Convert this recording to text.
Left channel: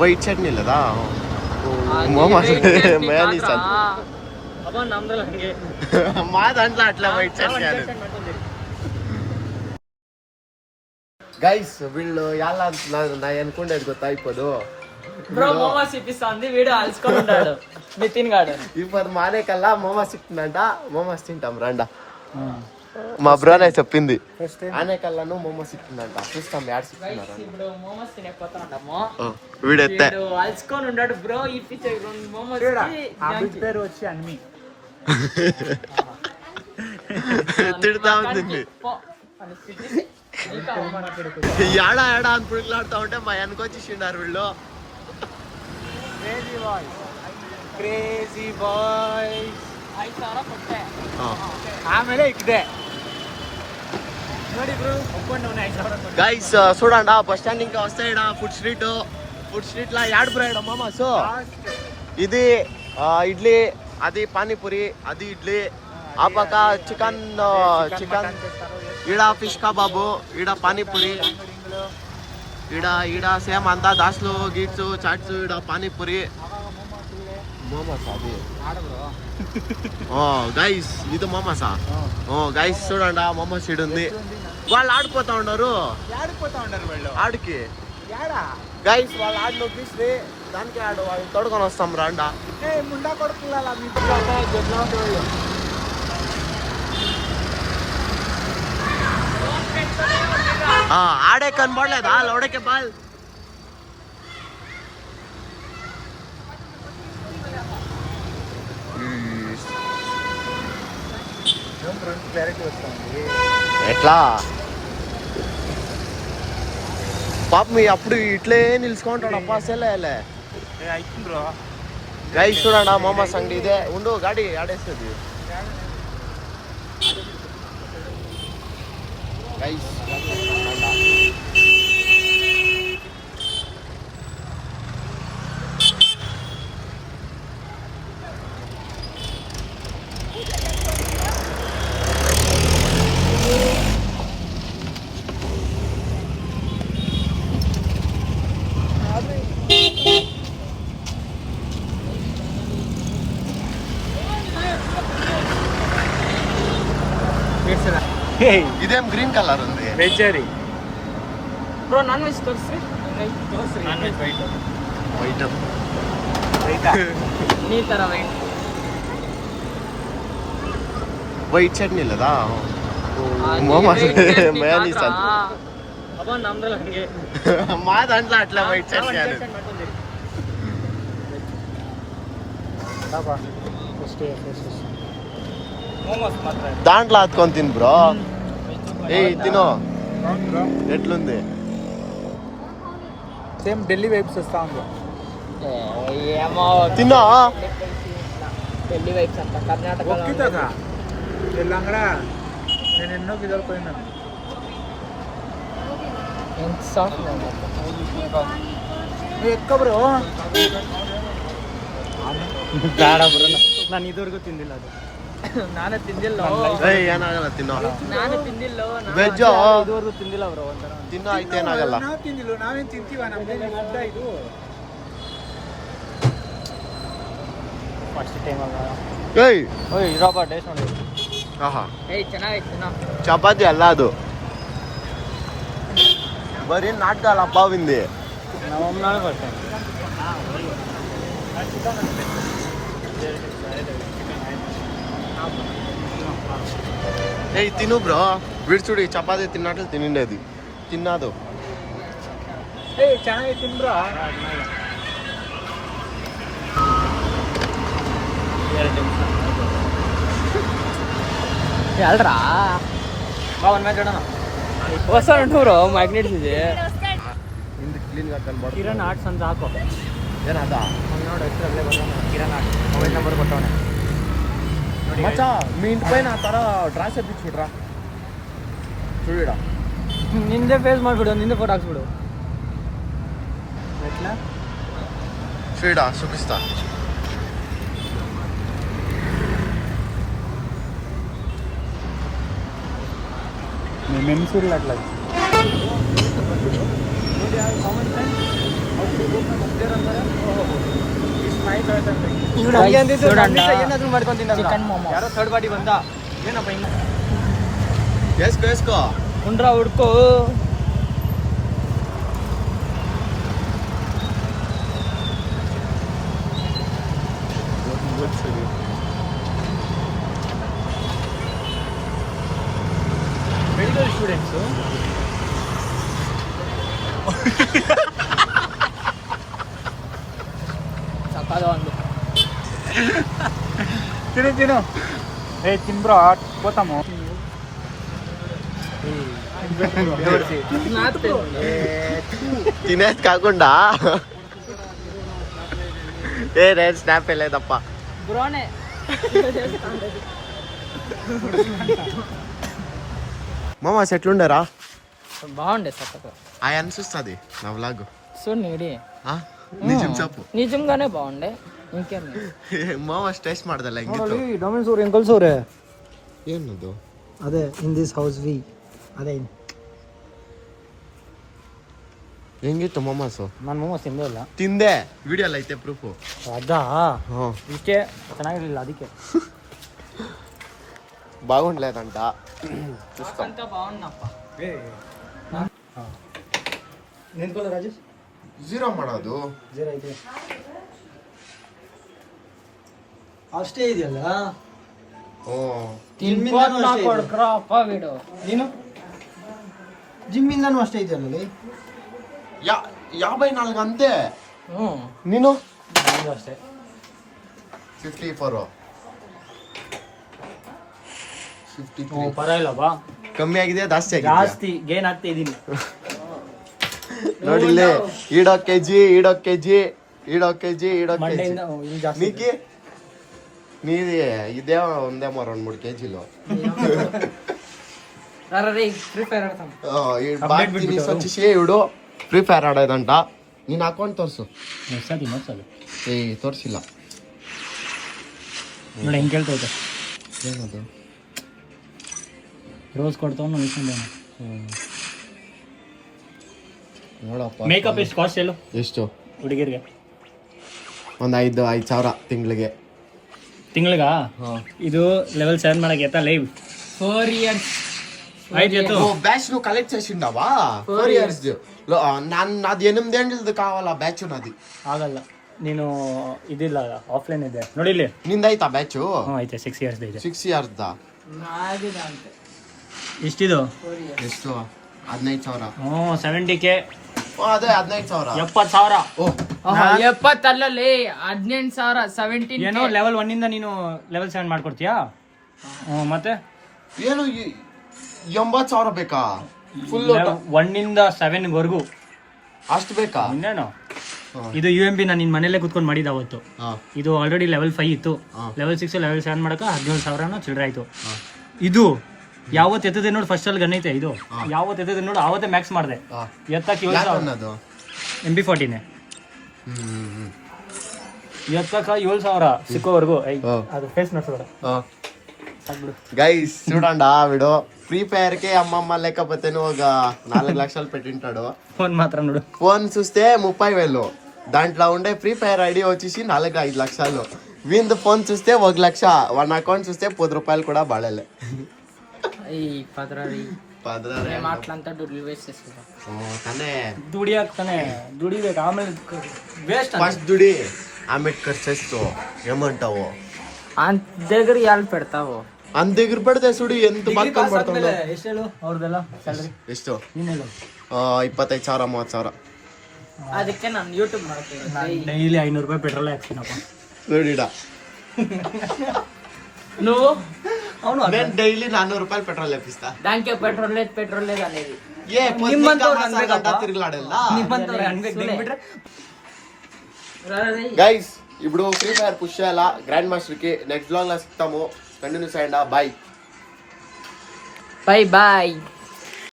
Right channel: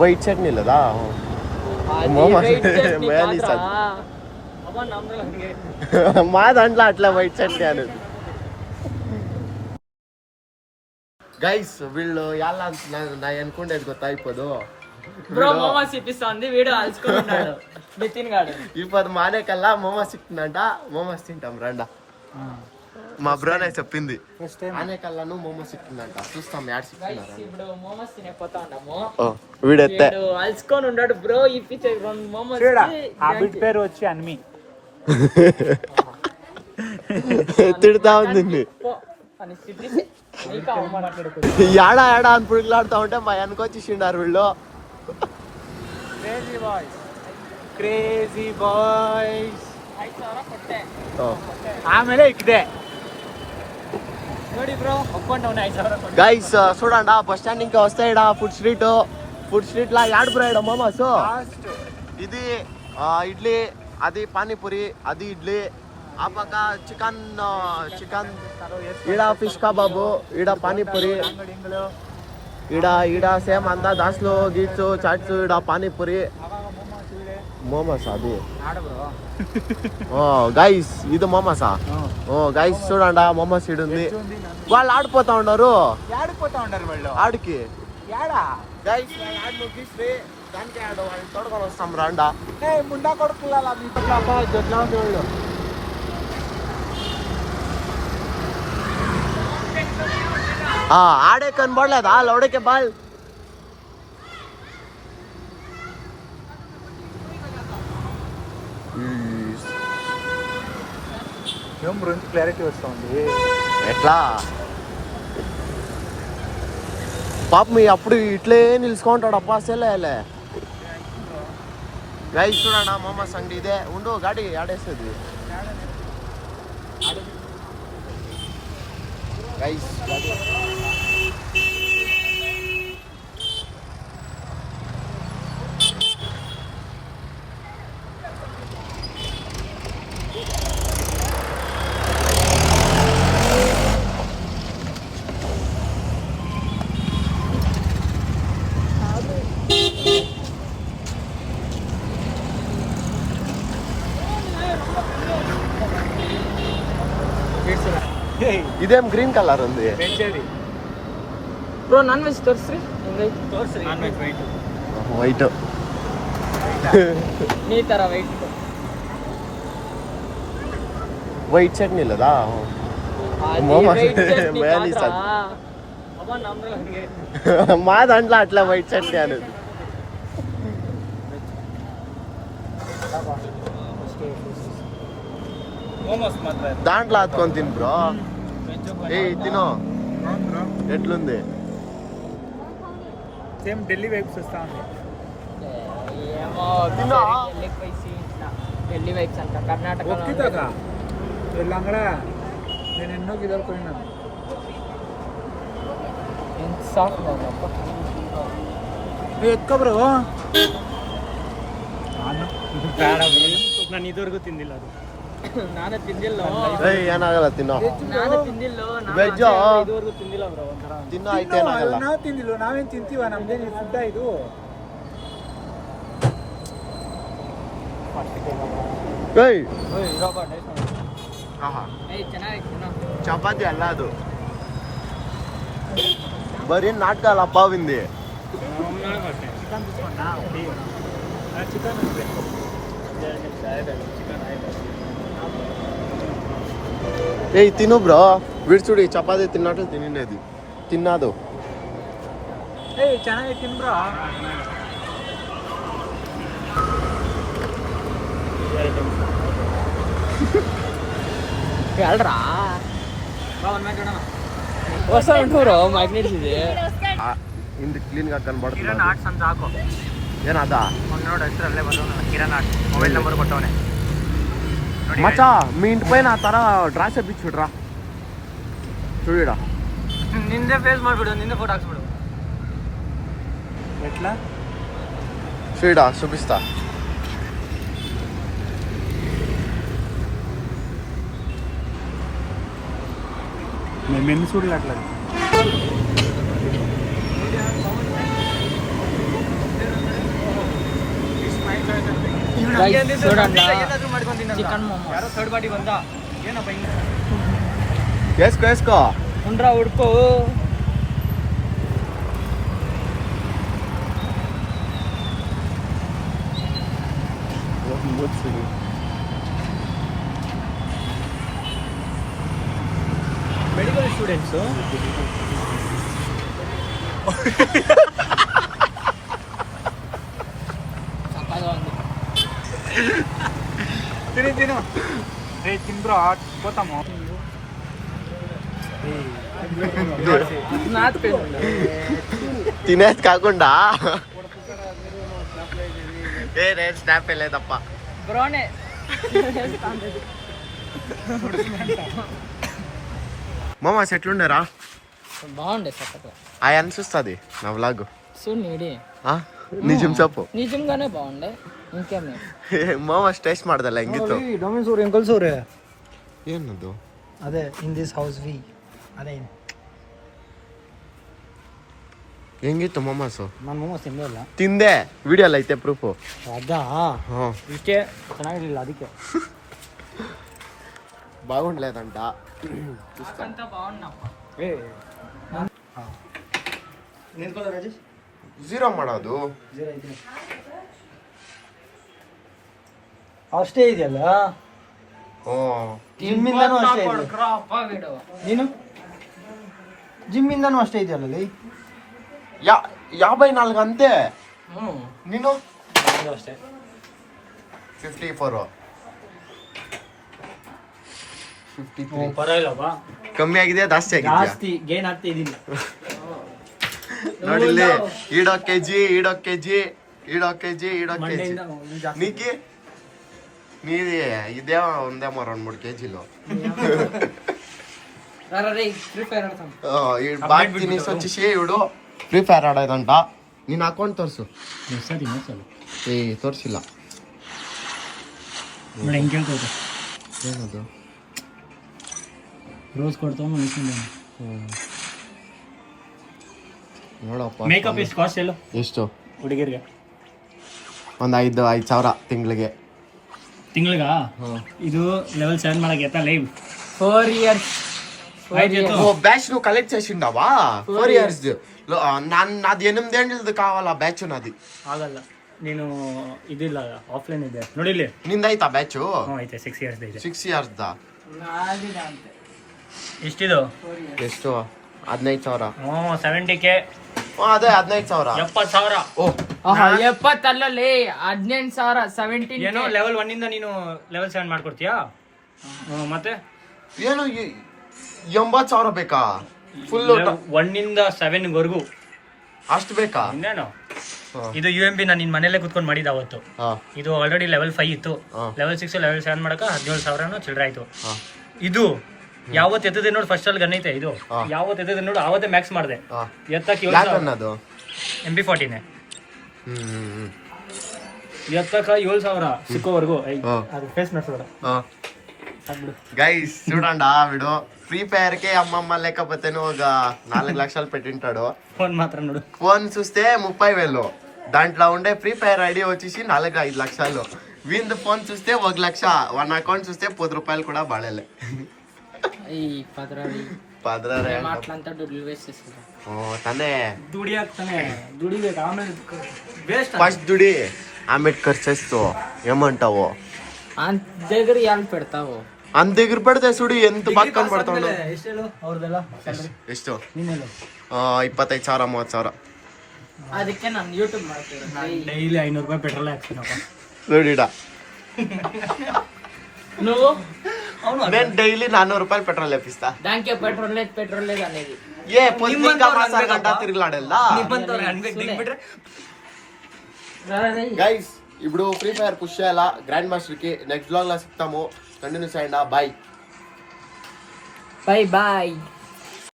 ವೈಟ್ ಚಟ್ನಿ ಇಲ್ಲದಾ ಮೋಮೋಸ್ ಮಯೋನೀಸ್ ಅದು మా దాంట్లో అట్లా వైట్ చట్నీ అనేది గైస్ వీళ్ళు ఎలా అంటున్నారు నా అనుకుండేది ಗೊತ್ತಾ ఇప్పుడు బ్రో మోమోస్ ఇప్పిస్తుంది వీడు అల్చుకుంటాడు నితిన్ గాడు ఇప్పుడు మానే కల్లా మోమోస్ ఇస్తుందంట మోమోస్ తింటాం రండా మా బ్రోనే చెప్పింది ఆనే కల్లాను మోమోస్ ఇస్తుందంట చూస్తాం యాడ్ ఇస్తున్నారు ఇప్పుడు మోమోస్ తినకపోతా ఉన్నాము వీడెత్తే అల్చుకొని ఉన్నాడు బ్రో ఇప్పించే మోమోస్ పేరు వచ్చి అన్ని తిడతా ఉంది యాడా యాడా అని పురుగులాడుతా ఉంటే మా వెనకొచ్చేసిండారు వీళ్ళు గైస్ చూడండి బస్ స్టాండ్ ఇంకా వస్తాయి ఫుడ్ స్ట్రీట్ లా యాడ్ బ్రో మోమోస్ ఇది ఇడ్లీ అది పానీపూరి అది ఇడ్లీ ఆ పక్క చికెన్ ఈడ ఫిష్ కబాబు ఈడ పానీపూరి ఈడ సేమ్ అంతా దాస్లు గీట్స్ చాట్స్ ఈడ పానీపూరి మోమోస్ అది గైస్ ఇది మోమోసా గైస్ చూడండి మోమోస్ ఈడ ఉంది వాళ్ళు ఆడిపోతా ఉన్నారు ఆడికి గైస్ వాళ్ళు ఆడి నొక్కిస్తే దానికి ఆడు వాళ్ళు తోడుకొని వస్తాం రాండా ముందా కొడుకుల ఆడే కనబడలేదా లౌడకే బాల్ ఎట్లా పాప మీ అప్పుడు ఇట్లే నిలుచుకుంటాడు అప్పా అసలే గైస్ చూడండి మోమోస్ అంగడి ఇదే ఉండు గాడి ఆడేస్తుంది గైస్ ఇదేం గ్రీన్ కలర్ ఉంది వెజ్జరీ బ్రో నాన్ వెజ్ తోర్సి నాన్ వెజ్ వైట్ నీ ತರ వైట్ చట్నీ ఇಲ್ಲದಾ మోమోస్ మయోనీస్ అది మా దాంట్లో అట్లా వైట్ చట్నీ అనేది దాంట్లో అతుకొని తిను బ్రో తినో ఎట్లుంది సేమ్ ఢిల్లీ వైబ్స్ వస్తా ఉంది తిన్నా ఢిల్లీ వైబ్స్ అంట కర్ణాటక వెళ్ళంగా నేను ఎన్నో గిదలు పోయినాను ఎంత సాఫ్ట్ ఎక్క బ్రో ನಾನು ಇದುವರೆಗೂ ತಿಂದಿಲ್ಲ ಅದು ನಾನು ತಿಂದಿಲ್ಲ ಏನಾಗಲ್ಲ ತಿನ್ನೋ ನಾನು ತಿಂದಿಲ್ಲ ವೆಜ್ ಇದುವರೆಗೂ ತಿಂದಿಲ್ಲ ಬ್ರೋ ಒಂಥರ ತಿನ್ನೋ ಐತೆ ಏನಾಗಲ್ಲ ನಾವು ತಿಂದಿಲ್ಲ ನಾವೇನು ತಿಂತೀವ ನಮ್ದೇನು ಫುಡ್ ಇದು ಫಸ್ಟ್ ಟೈಮ್ ಏಯ್ ಇರೋಬಾ ಟೇಸ್ಟ್ ನೋಡಿ ಆಹಾ ಚೆನ್ನಾಗೈತೆ ಚಪಾತಿ ಅಲ್ಲ ಅದು ಬರೀ ನಾಟಕ ಅಲ್ಲ ಅಪ್ಪಾವಿಂದಿ ನಾವೇ ಬರ್ತೇನೆ ఏ తిను బ్రో వీడు చూడు చపాతి తిన్నట్లు తినిండేది తిన్నాదు ಚೆನ್ನಾಗಿ ತಿನ್ ಬ್ರೋ ಅಲ್ರಾ ಹೊಸ ಉಂಟು ಮ್ಯಾಗ್ನೆಟ್ಸ್ ಇದೆ ಹಿಂದೆ ಕ್ಲೀನ್ ಆಗಿ ಕನ್ಬಾರ್ದು ಕಿರಣ್ ಆರ್ಟ್ಸ್ ಅಂತ ಹಾಕೋ ಏನದ ನೋಡಿ ಹೆಸರಲ್ಲೇ ಬರೋಣ ಕಿರಣ್ ಆರ್ಟ್ಸ್ ಮೊಬೈಲ್ ನಂಬರ್ ಕೊಟ್ಟವನೆ మచా మీ ఇంటి పైన ఆ తర డ్రాస్ వేయించుడ్రా చూడడా నిందే ఫేస్ ಮಾಡ್ಬಿಡು నిందే ఫోటో ಹಾಕ್ಬಿಡು ఎట్లా చూడడా చూపిస్తా మేము చూడలే అట్లా చూడండి చికెన్ మోమోస్ వేసుకో వేసుకో ఉండ్రా ఉడుకో మెడికల్ స్టూడెంట్స్ చక్కగా ఉంది తిను తిను ఏ తిను బ్రో పోతాము తినేది కాకుండా ఏ నేను స్నాప్ వెళ్ళేదప్ప బ్రోనే మామ ఎట్లుండరా బాగుండే చక్కగా ఆయన చూస్తుంది నా వ్లాగ్ చూడు నీడి నిజం చెప్పు నిజంగానే బాగుండే ఇంకేమి ಮಾವ ಟೇಸ್ಟ್ ಮಾಡ್ದಲ್ಲ ಹೆಂಗಿತ್ತು ಡೊಮಿನ್ಸ್ ಅವ್ರೆ ಅಂಕಲ್ಸ್ ಅವ್ರೆ ಏನದು ಅದೇ ಇನ್ ದಿಸ್ ಹೌಸ್ ವಿ ಅದೇ ಹೆಂಗಿತ್ತು ಮೊಮಾಸು ನಾನು ಮೊಮೋಸ್ ತಿಂದೇ ಇಲ್ಲ ತಿಂದೆ ವಿಡಿಯೋ ಎಲ್ಲ ಐತೆ ಪ್ರೂಫು ಅದಾ ಹ್ಞೂ ಇಷ್ಟೇ ಚೆನ್ನಾಗಿರ್ಲಿಲ್ಲ ಅದಕ್ಕೆ బాగుండలేదంట అంతా బాగుందప్ప ನಿಂತ್ಕೊಳ್ಳ ರಾಜೇಶ್ ಝೀರೋ ಮಾಡೋದು ಜೀರಾ ಇದೆ ಅಷ್ಟೇ ಇದೆಯಲ್ಲ ಓ ಜಿಮ್ಮಿಂದನೂ ಅಷ್ಟೇ ಇದೆ ಅಪ್ಪ ಬಿಡು ನೀನು ಜಿಮ್ಮಿಂದನೂ ಅಷ್ಟೇ ಇದೆಯಲ್ಲ ಲೈ 54 ಅಂತೆ ನೀನು ಅಷ್ಟೇ 54 53 ಪರವಾಗಿಲ್ಲ ಬಾ ಕಮ್ಮಿ ಆಗಿದೆ ಜಾಸ್ತಿ ಆಗಿದೆ ಜಾಸ್ತಿ ಗೇನ್ ಆಗ್ತಾ ಇದೀನಿ ನೋಡಿಲ್ಲಿ ಈಡೋ ಕೆಜಿ ನೀಕಿ ನೀದಿ ಇದೇ ಒಂದೇ ಮಾರ 3 ಕೆಜಿಲು ಫ್ರೀ ಫೈರ್ ಆಡ್ತಾನ ಬಾಟ್ತೀನಿ ಸ್ವಚ್ಛಿಸಿ ಇಡು ಫ್ರೀ ಫೈರ್ ಆಡೋದಂಟ ನೀನು ಅಕೌಂಟ್ ತೋರಿಸು ಏ ತೋರಿಸಿಲ್ಲ ನೋಡಿ ಹೆಂಗೆ ಕೇಳ್ತೈತೆ ಏನದು ರೋಸ್ ಕೊಡ್ತಾವ ನೋಡಪ್ಪ ಮೇಕಪ್ ಎಷ್ಟು ಕಾಸ್ಟ್ ಎಲ್ಲ ಎಷ್ಟು ಹುಡುಗಿರಿಗೆ ಒಂದು 5,000 ತಿಂಗಳಿಗ ಹಾಂ ಇದು ಲೆವೆಲ್ 7 ಮಾಡಕ್ಕೆ ಎತ್ತ ಲೈವ್ 4 years అయితే బ్యాచ్ నువ్వు కలెక్ట్ చేసిండావా 4 years నాది 8 ఏళ్ళది కావాలా బ్యాచ్ నాది ಆಗಲ್ಲ ನೀನು ಇದಿಲ್ಲ ಆಫ್ಲೈನ್ ಇದೆ ನೋಡಿಲ್ಲಿ ನಿಂದೈತಾ ಬ್ಯಾಚ್ ಐತೆ 6 ಇಯರ್ಸ್ ಇದೆ 6 years ದಾ నాదిదా అంతే ಎಷ್ಟಿದು 4 years ಎಷ್ಟು 15,000 70K ಅದೇ 15,000 70,000 ಎಪ್ಪತ್ತಲ್ಲೇ 18,000 17 ಲೆವೆಲ್ 1 ಇಂದ ನೀನು ಲೆವೆಲ್ 7 ಮಾಡ್ಕೊಡ್ತೀಯಾ ಮತ್ತೆ ಏನು 80,000 ಬೇಕಾ ಫುಲ್ 1 ಇಂದ 7 ವರೆಗೂ ಅಷ್ಟು ಬೇಕಾ ಇನ್ನೇನು ಇದು UMP ನಾನು ನಿನ್ ಮನೇಲೆ ಕುತ್ಕೊಂಡು ಮಾಡಿದ ಅವತ್ತು ಇದು ಆಲ್ರೆಡಿ ಲೆವೆಲ್ 5 ಇತ್ತು ಲೆವೆಲ್ 6 ಲೆವೆಲ್ 7 ಮಾಡಕ 17,000 ಚಿಲ್ಲರೆ ಆಯ್ತು ಇದು ಯಾವತ್ತು ಎತ್ತದೆ ನೋಡಿ ಫಸ್ಟ್ ಅಲ್ಲಿ ಗನ್ನೈತೆ ಇದು ಯಾವತ್ತು ಎತ್ತದೆ ನೋಡಿ ಅವತ್ತೇ ಮ್ಯಾಕ್ಸ್ ಮಾಡಿದೆ ಎತ್ತಕ್ಕೆ ಅನ್ನೋದು MB14 ಎತ್ತಕ 7,000 ಸಿಕ್ಕೋವರೆಗೂ ಅದು ಫೇಸ್ ಮೆಟ್ಸ್ಬೇಡ గైస్ చూడండి వీడు ఫ్రీ ఫైర్ కి అమ్మమ్మ లేకపోతే ఒక 4 లక్షలు పెట్టింటాడు ఫోన్ మాత్రం ನೋಡು ఫోన్ చూస్తే 30,000 దాంట్లో ఉండే ఫ్రీ ఫైర్ ఐడి వచ్చేసి 4-5 లక్షలు వీంది ఫోన్ చూస్తే 1 లక్ష వన్ అకౌంట్ చూస్తే 10 రూపాయలు కూడా బాడలే మాటలంతా దుడ్లు వేస్ట్ చేస్తా తనే ದುಡಿ ಆಗ್ತಾನೆ ದುಡಿಬೇಕು ಆಮೇಲೆ ವೇಸ್ಟ್ ఫస్ట్ దుడి ఆమె ఖర్చు చేస్తూ ఏమంటావు అంత దగ్గర ఇవాళ పెడతావు అంత దగ్గర పెడితే చూడు ఎంత బాగా కనబడుతుందో ಎಷ್ಟು ಅವ್ರದೆಲ್ಲ ಸ್ಯಾಲರಿ ಎಷ್ಟು ನೀನೇನು 25,000 30,000 ಅದಕ್ಕೆ ನಾನು ಯೂಟ್ಯೂಬ್ ಮಾಡ್ತೀನಿ ಡೈಲಿ 500 ರೂಪಾಯಿ ಪೆಟ್ರೋಲ್ ಹಾಕ್ತೀನಪ್ಪ ನೋಡಿಡ నువ్వు నేను డైలీ 400 రూపాయలు పెట్రోల్ వేపిస్తా దానికే పెట్రోల్ లేదు అనేది ఏ పొద్దున్న మాసా గంట తిరుగులాడెಲ್ಲ గైస్ ఇప్పుడు ఫ్రీ ఫైర్ పుష్ చేయాలా గ్రాండ్ మాస్టర్ కి నెక్స్ట్ బ్లాగ్ లో సిక్తాము కంటిన్యూస్ అయ్యండా బాయ్ బాయ్